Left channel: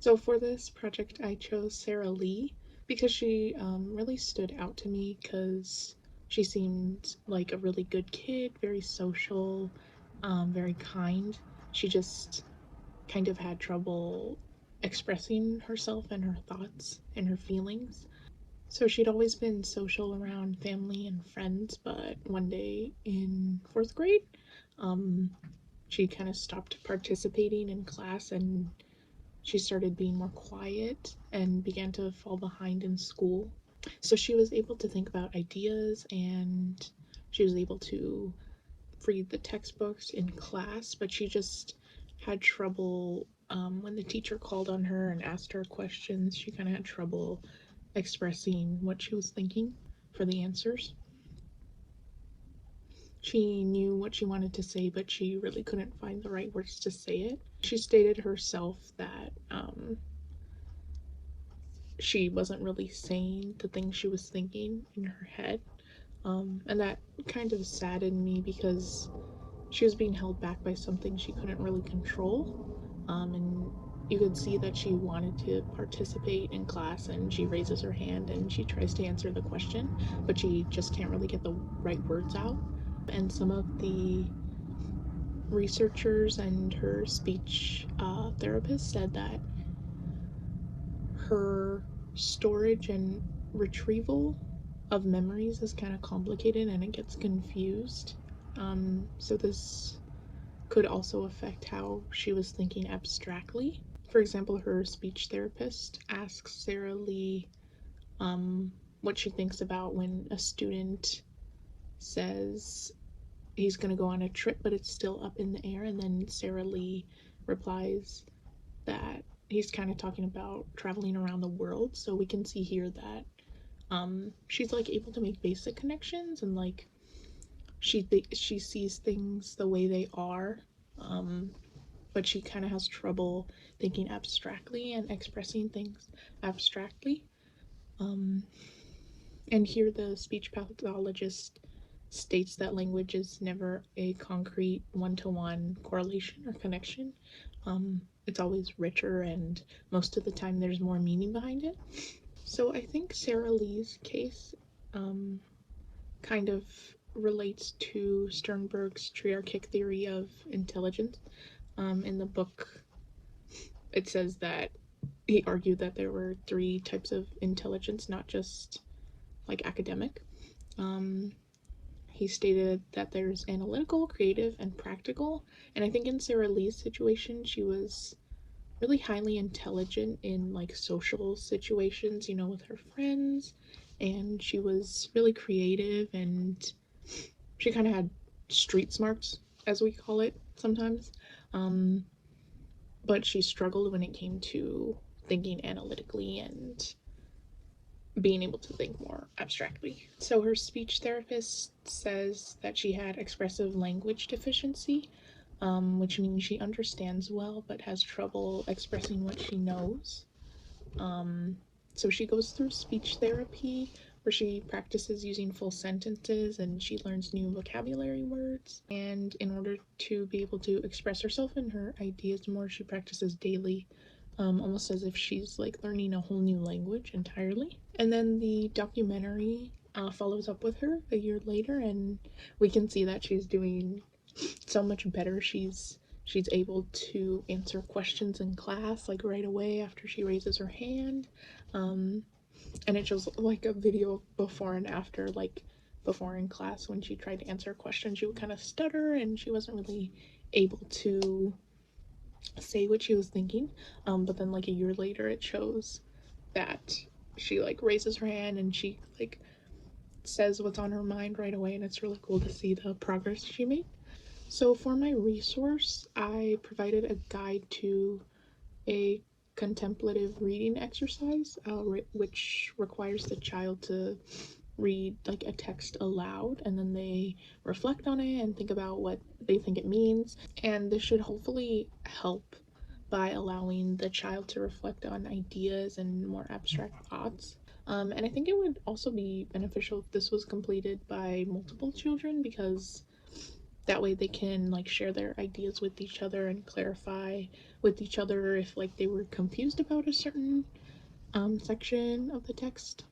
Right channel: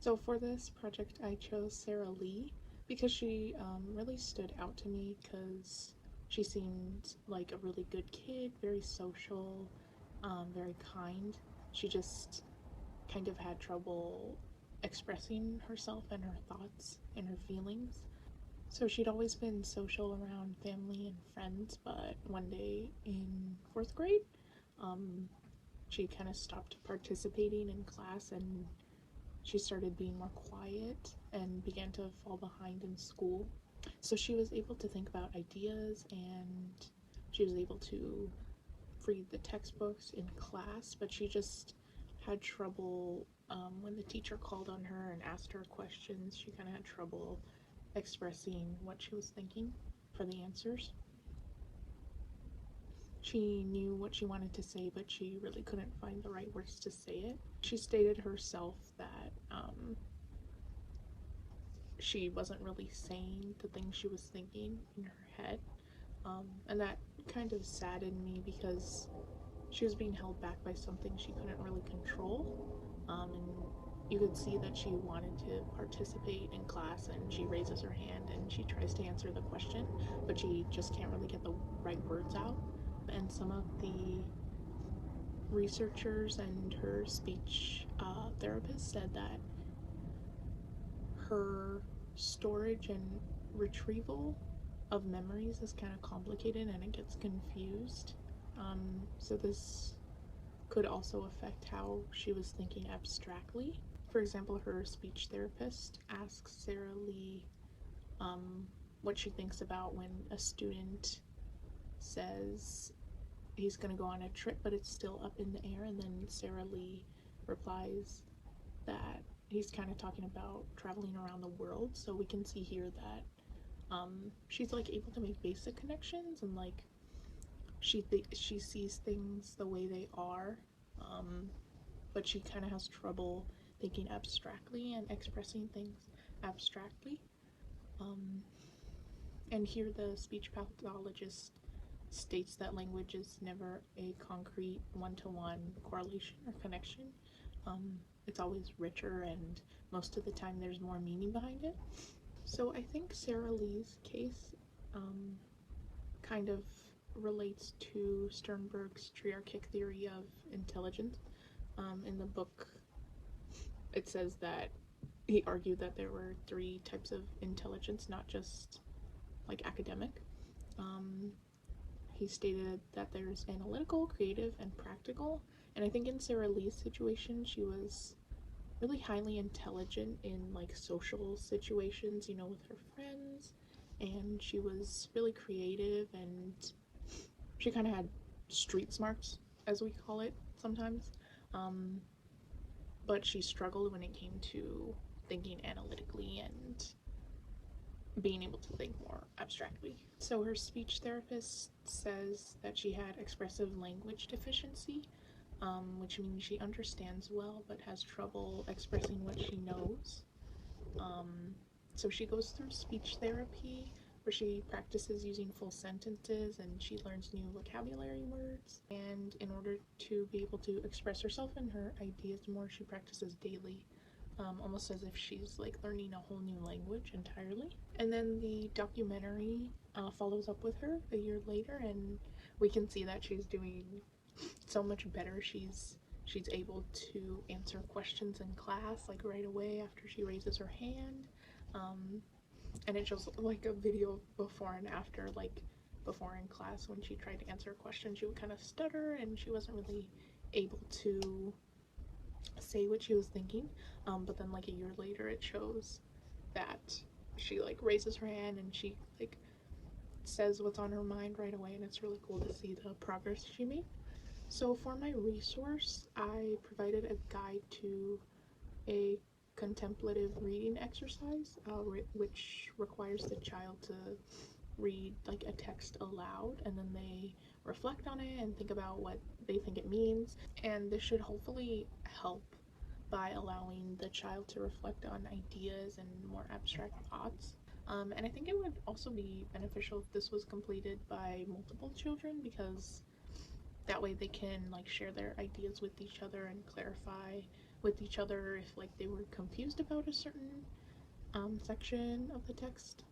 So for this project, I chose Sarah Lee because she really stood out to me because she seemed like a really good kid, very social, very kind. She just kind of had trouble expressing herself and her thoughts and her feelings. So she'd always been social around family and friends, but one day in fourth grade, um, she kind of stopped participating in class and she started being more quiet and began to fall behind in school. So she was able to think about ideas and she was able to read the textbooks in class, but she just had trouble when the teacher called on her and asked her questions. She kind of had trouble expressing what she was thinking for the answers. She knew what she wanted to say, but she really couldn't find the right words to say it. She stated herself that she wasn't really saying the things she was thinking in her head. And that kind of saddened me because she was being held back by something she couldn't really control. And you could see that she wanted to participate in class and she raises her hand and she tries to answer the question, but she just can't really get the right words out. And some of the researchers and her speech therapist said that her storage and retrieval of memories is kind of complicated and it gets confused. So this could also affect how she was thinking abstractly. For example, her speech therapist asks Sarah Lee um, what she thinks about when a student says he's going to go on a trip, but it's still up in the air, and then Sarah Lee replies that he's kind of talking about traveling around the world. So we can see here that she's like able to make basic connections and like she sees things the way they are, um, but she kind of has trouble thinking abstractly and expressing things abstractly. Um, and here the speech pathologist states that language is never a concrete one-to-one correlation or connection. It's always richer, and most of the time there's more meaning behind it. So I think Sarah Lee's case um, kind of relates to Sternberg's triarchic theory of intelligence. In the book, it says that he argued that there were three types of intelligence, not just like academic. Um, he stated that there's analytical, creative, and practical. And I think in Sarah Lee's situation, she was really highly intelligent in like social situations, you know, with her friends. And she was really creative and she kind of had street smarts, as we call it sometimes. Um, but she struggled when it came to thinking analytically and being able to think more abstractly. So her speech therapist says that she had expressive language deficiency, which means she understands well but has trouble expressing what she knows. Um, so she goes through speech therapy where she practices using full sentences and she learns new vocabulary words. And in order to be able to express herself and her ideas more, she practices daily, almost as if she's like learning a whole new language entirely. And then the documentary follows up with her a year later, and we can see that she's doing so much better. She's able to answer questions in class like right away after she raises her hand. Um, and it shows like a video before and after, like before in class when she tried to answer a question, she would kind of stutter and she wasn't really able to say what she was thinking. But then like a year later, it shows that she like raises her hand and she like says what's on her mind right away, and it's really cool to see the progress she made. So for my resource, I provided a guide to a contemplative reading exercise, which requires the child to read like a text aloud and then they reflect on it and think about what they think it means. And this should hopefully help by allowing the child to reflect on ideas and more abstract thoughts. And I think it would also be beneficial if this was completed by multiple children because that way they can like share their ideas with each other and clarify with each other if like they were confused about a certain section of the text.